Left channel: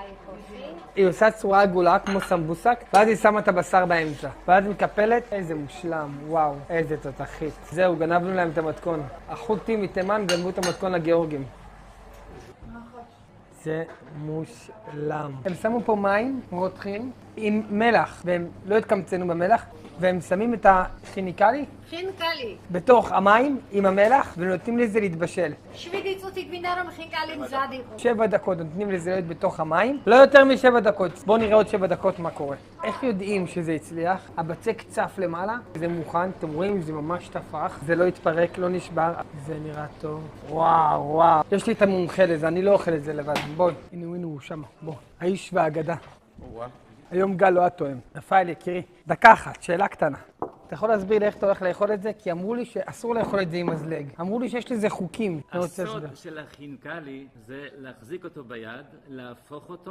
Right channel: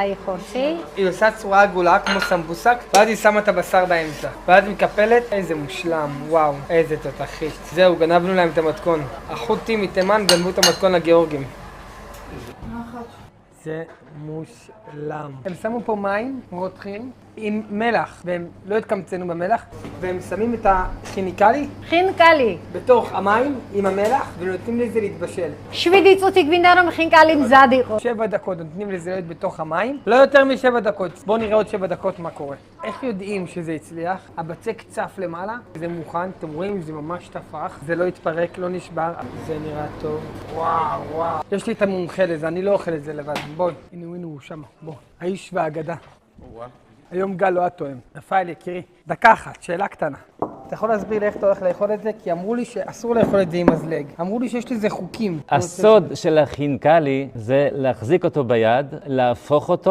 היא עושה צורה עגולה כמו סמבוסק, ואז היא שמה את הבשר באמצע. ואז היא מקפלת, איזה מושלם, וואו, איזה תותחית. זהו, גנבנו להם את המתכון. החות'ים מתימן גנבו את המתכון לגיאורגים. זה מושלם. הם שמו פה מים רותחים עם מלח, והם לא התקמצנו במלח, והם שמים את הכימיקלי בתוך המים עם המלח, ונותנים לזה להתבשל. Švidicu tik vindarom hinkalim zadiko. 7 דקות, נותנים לזה להיות בתוך המים. לא יותר מ7 דקות. בואו נראה עוד 7 דקות מה קורה. איך יודעים שזה הצליח? הבצק צף למעלה, זה מוכן, אתם רואים, זה ממש תפח. זה לא התפרק, לא נשבר. זה נראה טוב. וואו, וואו. יש לי את המומחה לזה, אני לא אוכל את זה לבד. בואי, הנה הוא שם, בוא. האיש והאגדה. היום גל לא התואם. רפאל יקירי, דקה אחת, שאלה קטנה. אתה יכול להסביר לי איך אתה הולך לאכול את זה? כי אמרו לי שאסור לאכול את זה עם מזלג. אמרו לי שיש לזה חוקים. הסוד של החינקלי זה להחזיק אותו ביד, להפוך אותו